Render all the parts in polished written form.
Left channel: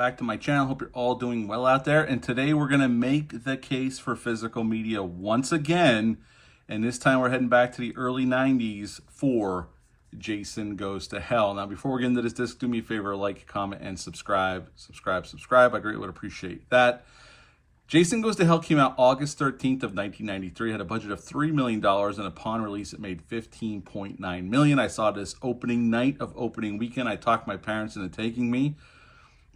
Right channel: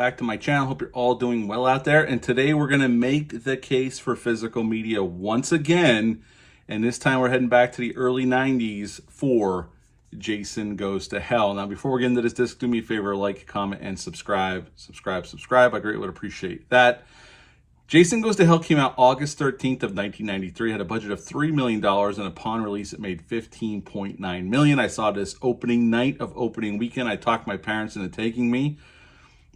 back to my channel. Hope you're all doing well out there. And today we're going to make the case for physical media once again. And this time we're heading back to the early 90s for Jason Goes to Hell. Now, before we get into this disc, do me a favor, like, comment, and subscribe. Subscribe. I greatly would appreciate that. Jason Goes to Hell came out August 13th of 1993, had a budget of $3 million, and upon release it made $15.9 million. I saw this opening night of opening weekend. I talked my parents into taking me,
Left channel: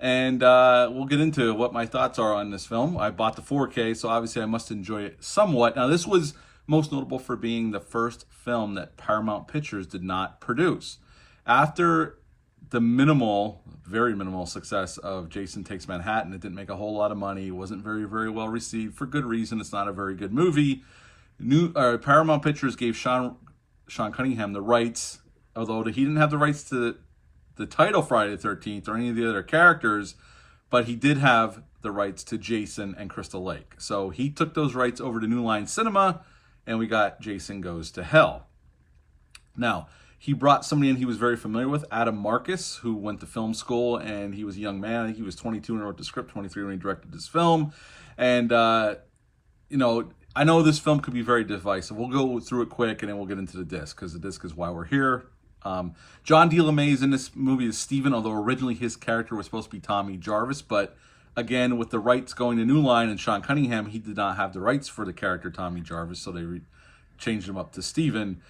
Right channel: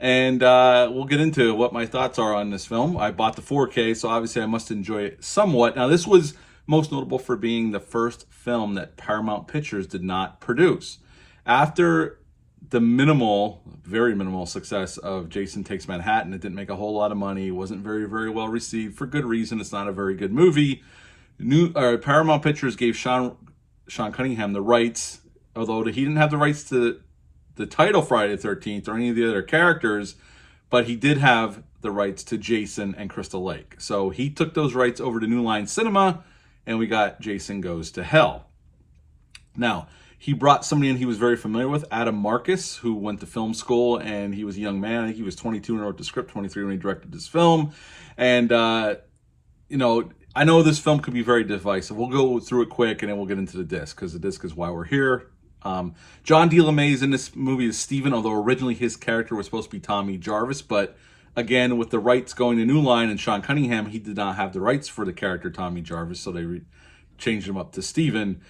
and we'll get into what my thoughts are on this film. I bought the 4K, so obviously I must enjoy it somewhat. Now, this was most notable for being the first film that Paramount Pictures did not produce. After the very minimal success of Jason Takes Manhattan, it didn't make a whole lot of money. It wasn't very well received for good reason. It's not a very good movie. Paramount Pictures gave Sean Cunningham the rights, although he didn't have the rights to the title Friday the 13th or any of the other characters, but he did have the rights to Jason and Crystal Lake. So he took those rights over to New Line Cinema, and we got Jason Goes to Hell. Now, he brought somebody in he was very familiar with, Adam Marcus, who went to film school, and he was a young man. I think he was 22 when he wrote the script, 23 when he directed this film. And, you know, I know this film could be very divisive. We'll go through it quick, and then we'll get into the disc, because the disc is why we're here. John D. LeMay is in this movie as Steven, although originally his character was supposed to be Tommy Jarvis. But, again, with the rights going to New Line and Sean Cunningham, he did not have the rights for the character Tommy Jarvis, so they changed him up to Steven.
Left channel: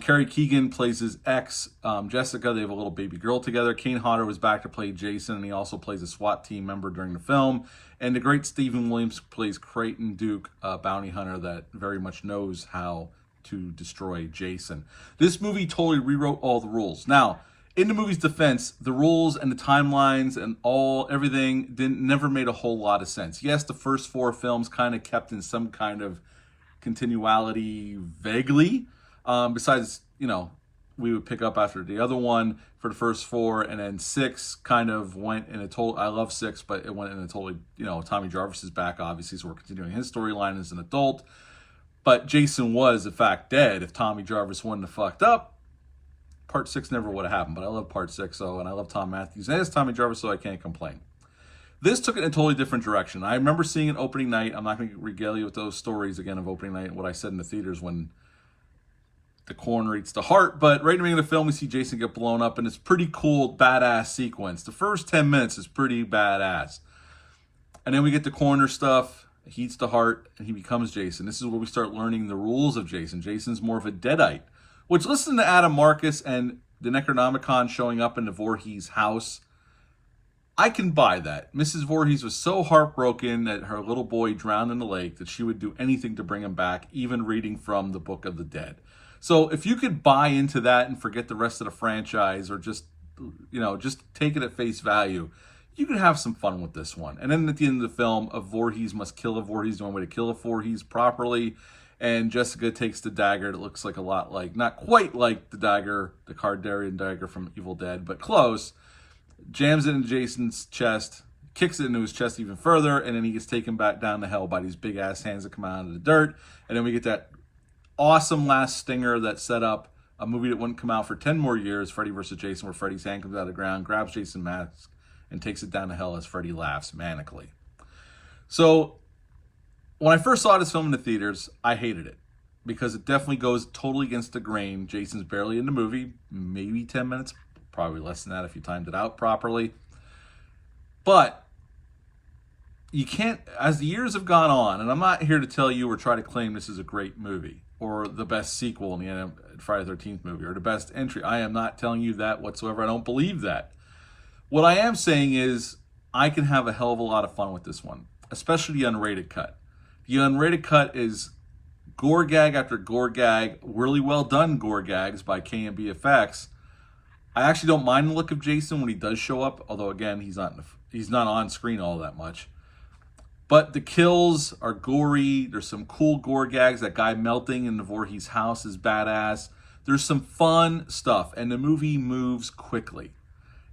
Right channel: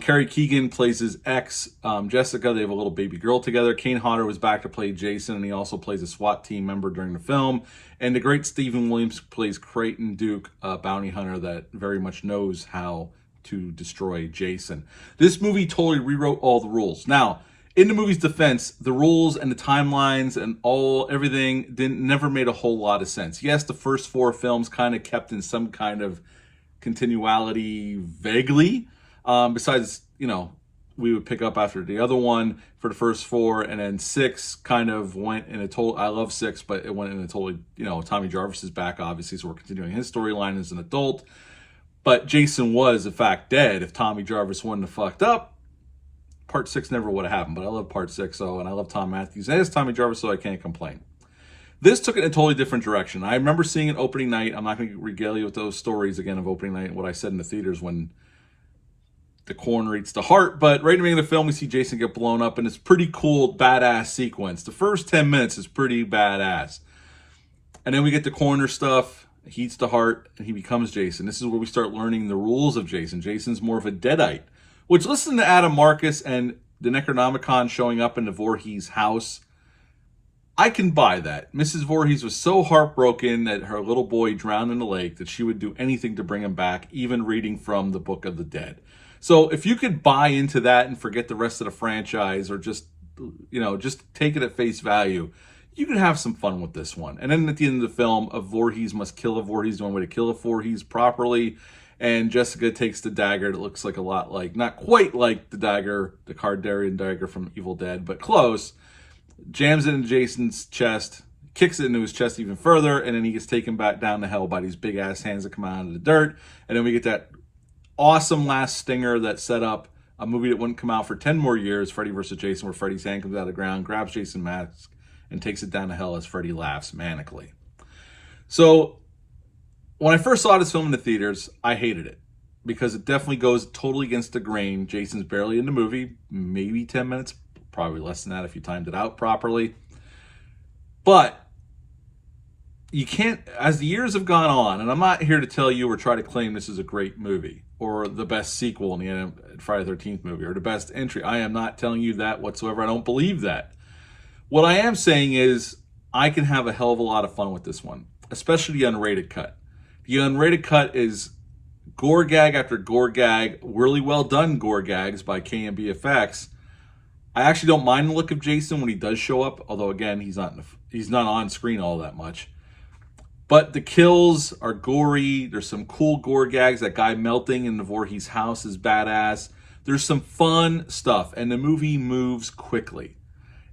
Carrie Keegan plays his ex, Jessica. They have a little baby girl together. Kane Hodder was back to play Jason, and he also plays a SWAT team member during the film. And the great Stephen Williams plays Creighton Duke, a bounty hunter that very much knows how to destroy Jason. This movie totally rewrote all the rules. Now, in the movie's defense, the rules and the timelines and everything never made a whole lot of sense. Yes, the first four films kind of kept in some kind of continuality vaguely. Besides, you know, we would pick up after the other one for the first four, and then 6 kind of went in a total, I love 6, but it went in a totally, you know, Tommy Jarvis is back, obviously, so we're continuing his storyline as an adult. But Jason was, in fact, dead. If Tommy Jarvis wouldn't have fucked up, part 6 never would have happened. But I love part 6, and I love Tom Matthews as Tommy Jarvis, so I can't complain. This took it in a totally different direction. I remember seeing it opening night. I'm not going to regale you with those stories again of opening night and what I said in the theaters when the corner eats the heart, but right in the beginning of the film, we see Jason get blown up, and it's pretty cool, badass sequence. The first 10 minutes is pretty badass. And then we get the corner stuff, he eats the heart, and he becomes Jason. This is where we start learning the rules of Jason. Jason's more of a Deadite, which, listen to Adam Marcus and the Necronomicon showing up in the Voorhees house, I can buy that. Mrs. Voorhees was so heartbroken that her little boy drowned in the lake that she would do anything to bring him back, even reading from the Book of the Dead. So if you could buy into that and forget the rest of the franchise, or just, you know, just take it at face value, you can have some fun with this one. And then at the end of the film, a Voorhees must kill a Voorhees. The only way to kill a Voorhees properly. And Jessica takes the dagger that looks like a lot like, not quite like the dagger, the Kardarian dagger from Evil Dead, but close. Jams it into Jason's chest, kicks it into his chest even further, and then he gets taken back down to hell by these big ass hands that come out of the dirt. And then we get that awesome last stinger that set up a movie that wouldn't come out for 10 more years, Freddy vs. Jason, where Freddy's hand comes out of the ground, grabs Jason's mask, and takes it down to hell as Freddy laughs manically. So when I first saw this film in the theaters, I hated it because it definitely goes totally against the grain. Jason's barely in the movie, maybe 10 minutes, probably less than that if you timed it out properly. But you can't, as the years have gone on, and I'm not here to tell you or try to claim this is a great movie or the best sequel in the Friday the 13th movie or the best entry. I am not telling you that whatsoever. I don't believe that. What I am saying is I can have a hell of a lot of fun with this one, especially the unrated cut. The unrated cut is gore gag after gore gag, really well done gore gags by KMBFX. I actually don't mind the look of Jason when he does show up, although again, he's not on screen all that much. But the kills are gory. There's some cool gore gags. That guy melting in the Voorhees house is badass. There's some fun stuff, and the movie moves quickly.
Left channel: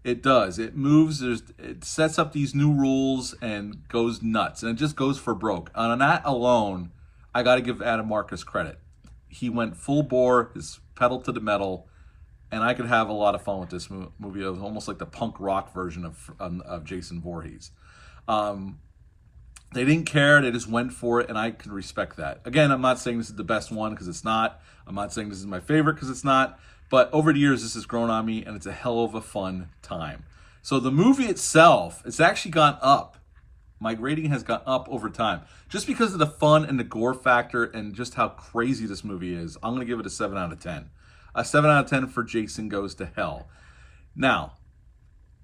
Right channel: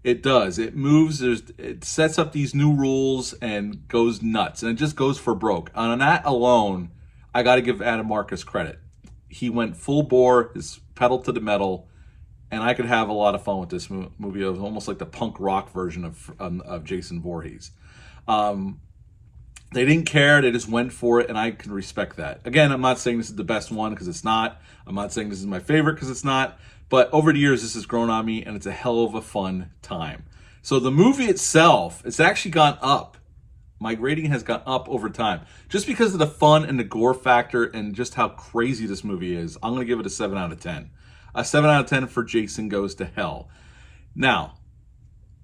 It does. It moves. It sets up these new rules and goes nuts, and it just goes for broke. On that alone, I got to give Adam Marcus credit. He went full bore, his pedal to the metal, and I could have a lot of fun with this movie. It was almost like the punk rock version of Jason Voorhees. They didn't care. They just went for it, and I can respect that. Again, I'm not saying this is the best one because it's not. I'm not saying this is my favorite because it's not. But over the years, this has grown on me, and it's a hell of a fun time. So the movie itself, it's actually gone up. My rating has gone up over time. Just because of the fun and the gore factor and just how crazy this movie is, I'm going to give it a 7 out of 10. A 7 out of 10 for Jason Goes to Hell. Now,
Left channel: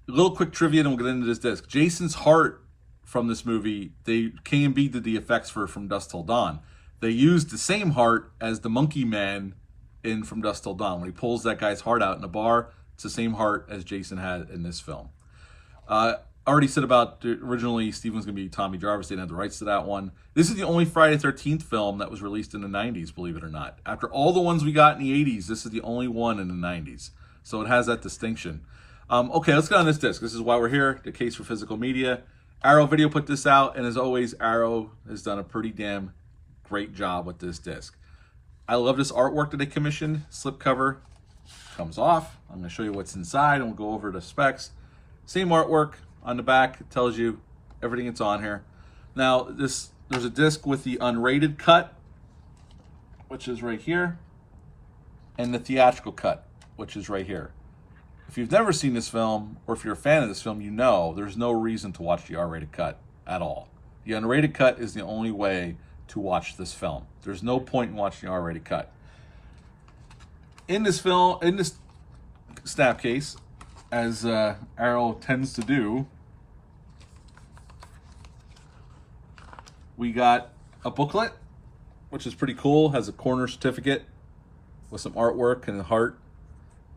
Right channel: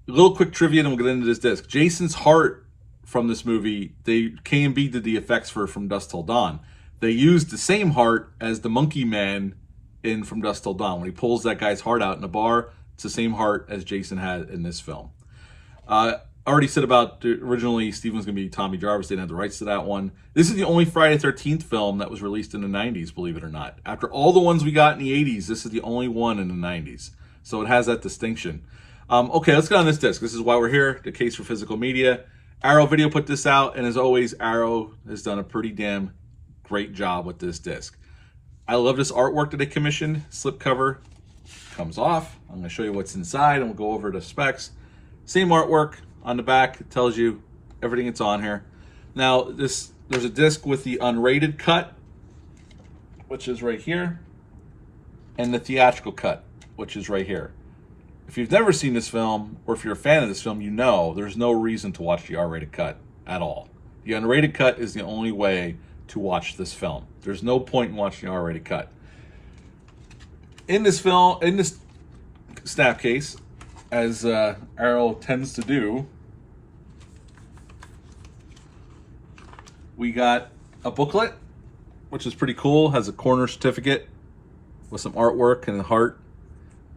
a little quick trivia, and we'll get into this disc. Jason's heart from this movie, K&B did the effects for From Dusk Till Dawn. They used the same heart as the Monkey Man in From Dusk Till Dawn. When he pulls that guy's heart out in a bar, it's the same heart as Jason had in this film. I already said about originally Steven was going to be Tommy Jarvis. They didn't have the rights to that one. This is the only Friday the 13th film that was released in the 90s, believe it or not. After all the ones we got in the 80s, this is the only one in the 90s. So it has that distinction. Okay, let's get on this disc. This is why we're here, the case for physical media. Arrow Video put this out, and as always, Arrow has done a pretty damn great job with this disc. I love this artwork that they commissioned. Slipcover comes off. I'm going to show you what's inside, and we'll go over the specs. Same artwork on the back. It tells you everything that's on here. Now, there's a disc with the unrated cut, which is right here, and the theatrical cut, which is right here. If you've never seen this film, or if you're a fan of this film, you know there's no reason to watch the R-rated cut at all. The unrated cut is the only way to watch this film. There's no point in watching the R-rated cut. In this film, in this snap case, as Arrow tends to do, we got a booklet, which is pretty cool. Has a corner certificate with some artwork and a heart.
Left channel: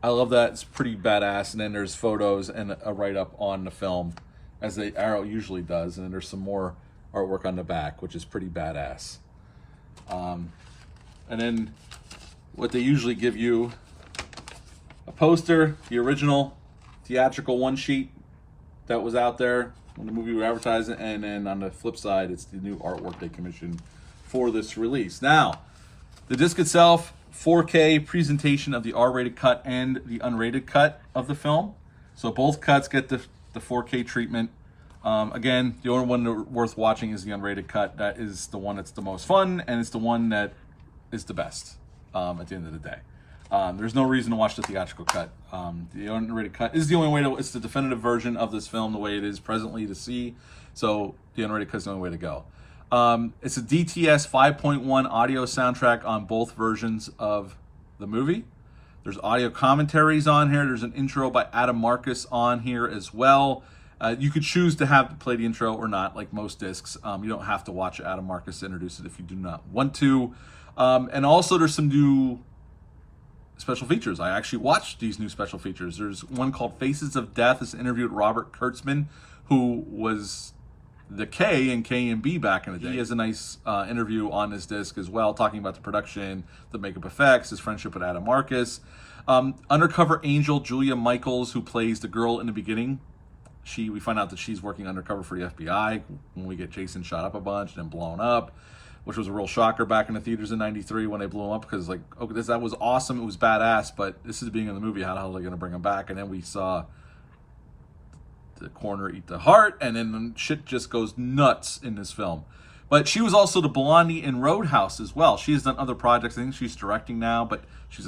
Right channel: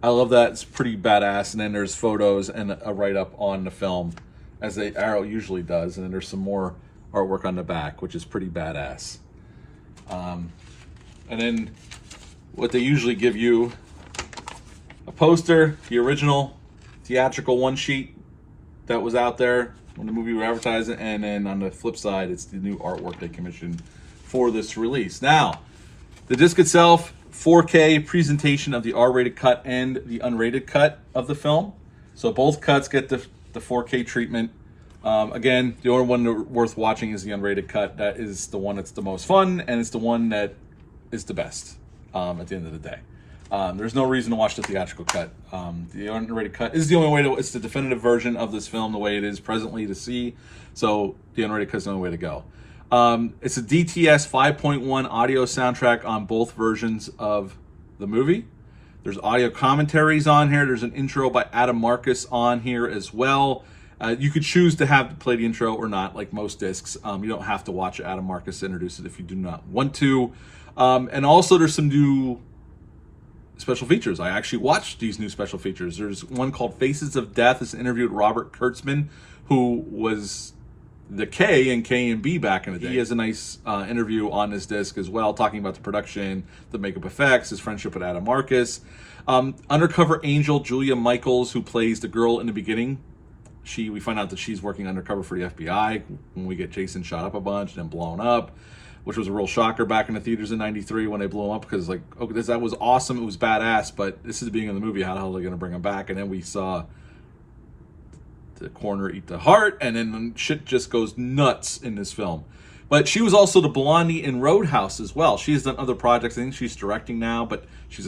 I love that. It's pretty badass. And then there's photos and a write-up on the film, as Arrow usually does. And then there's some more artwork on the back, which is pretty badass. And then what they usually give you, a poster, the original theatrical one sheet that was out there when the movie was advertising, and then on the flip side, it's the new artwork they commissioned for this release. Now, the disc itself, 4K presentation of the R-rated cut and the unrated cut of the film. So both cuts get the 4K treatment. Again, the only one worth watching is the unrated cut. That is the one that's the most fun, and it's the one that is the best at the end of the day. There's no reason to watch the theatrical cut. The unrated cut is the only way to, it's the definitive version of this film the way it is presently to see. So the unrated cut is the only way to go. It's a DTS 5.1 audio soundtrack on both versions of the movie. There's audio commentaries on here. There's an intro by Adam Marcus on here as well. You could choose to have to play the intro or not, like most discs. You don't have to watch Adam Marcus introduce it if you do not want to. And also there's some new special features. I actually watched these new special features. There's one called Faces of Death. It's an interview with Robert Kurtzman, who was the K in K&B back in the day. He has a nice interview on this disc as well, talking about the production, the makeup effects, his friendship with Adam Marcus. Undercover Angel Julia Michaels, who plays the girl in the beginning. We find out that she's working undercover for the FBI when we get Jason shot up a bunch and then blown up, which was a real shocker back in the theaters in '93 when they blew him up, because like, okay, that was awesome, it was badass, but this is the beginning of the movie, how the hell are they going to bring him back? And then we saw the corner eat the heart, and then shit just goes nuts in this film. But she was also the Blondie in Roadhouse as well. She has done other projects. I think she's directing now, but she's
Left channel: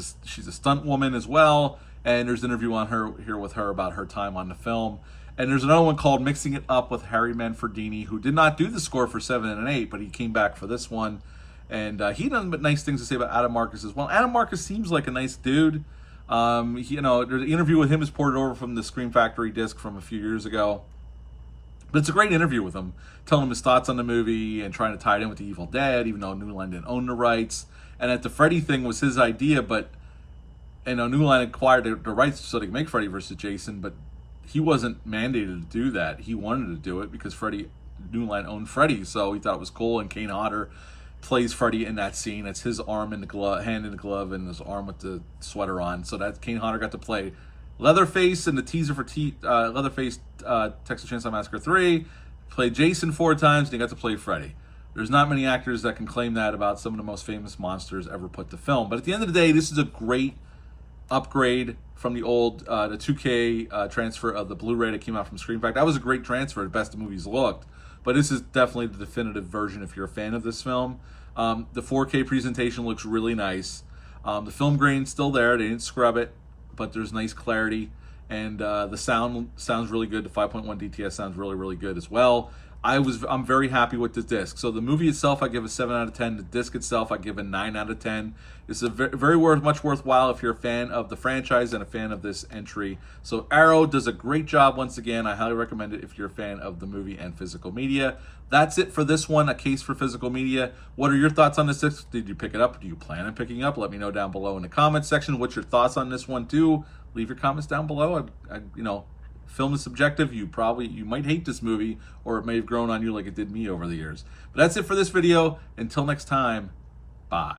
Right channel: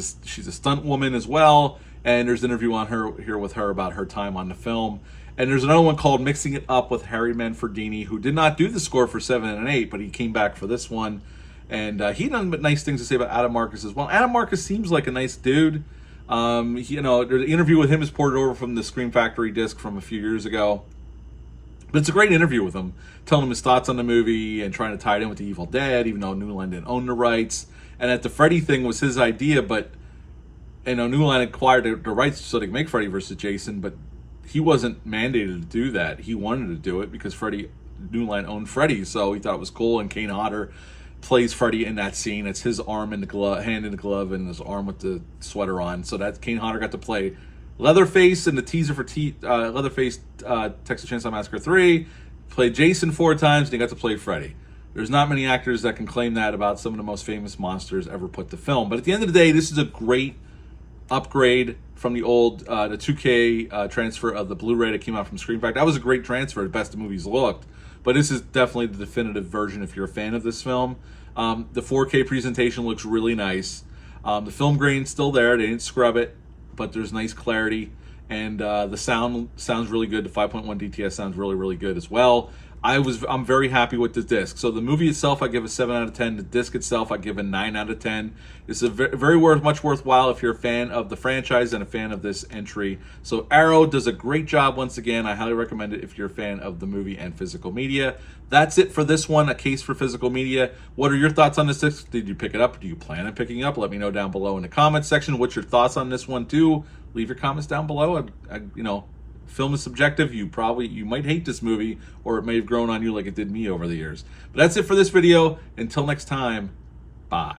a stunt woman as well. And there's an interview on her here with her about her time on the film. And there's another one called Mixing It Up with Harry Manfredini, who did not do the score for 7 and 8, but he came back for this one. And he done nice things to say about Adam Marcus as well. Adam Marcus seems like a nice dude. You know, the interview with him is ported over from the Scream Factory disc from a few years ago. But it's a great interview with him, telling him his thoughts on the movie and trying to tie it in with The Evil Dead, even though New Line didn't own the rights. And that the Freddy thing was his idea, but, you know, New Line acquired the rights so they could make Freddy versus Jason, but he wasn't mandated to do that. He wanted to do it because New Line owned Freddy, so he thought it was cool. And Kane Hodder plays Freddy in that scene. It's his arm in the glove, hand in the glove, and his arm with the sweater on. So that Kane Hodder got to play Leatherface in the teaser for Leatherface Texas Chainsaw Massacre 3. Played Jason 4 times, and he got to play Freddy. There's not many actors that can claim that about some of the most famous monsters ever put to film. But at the end of the day, this is a great upgrade from the old the 2K transfer of the Blu-ray that came out from Screen Factory. That was a great transfer, the best the movies looked. But this is definitely the definitive version if you're a fan of this film. The 4K presentation looks really nice. The film grain's still there. They didn't scrub it, but there's nice clarity. And the sound sounds really good. The 5.1 DTS sounds really, really good as well. I'm very happy with the disc. So the movie itself, I give a 7 out of 10. The disc itself, I give a 9 out of 10. It's a very much worthwhile if you're a fan of the franchise and a fan of this entry. So Arrow does a great job once again. I highly recommend it if you're a fan of the movie and physical media. That's it for this one, A Case for Physical Media. What are your thoughts on this disc? Did you pick it up? Do you plan on picking it up? Let me know down below in the comments section. What's your thoughts on this one too? Leave your comments down below. Film is subjective. You might hate this movie, or it may have grown on you like it did me over the years. But that's it for this video. Until next time, bye.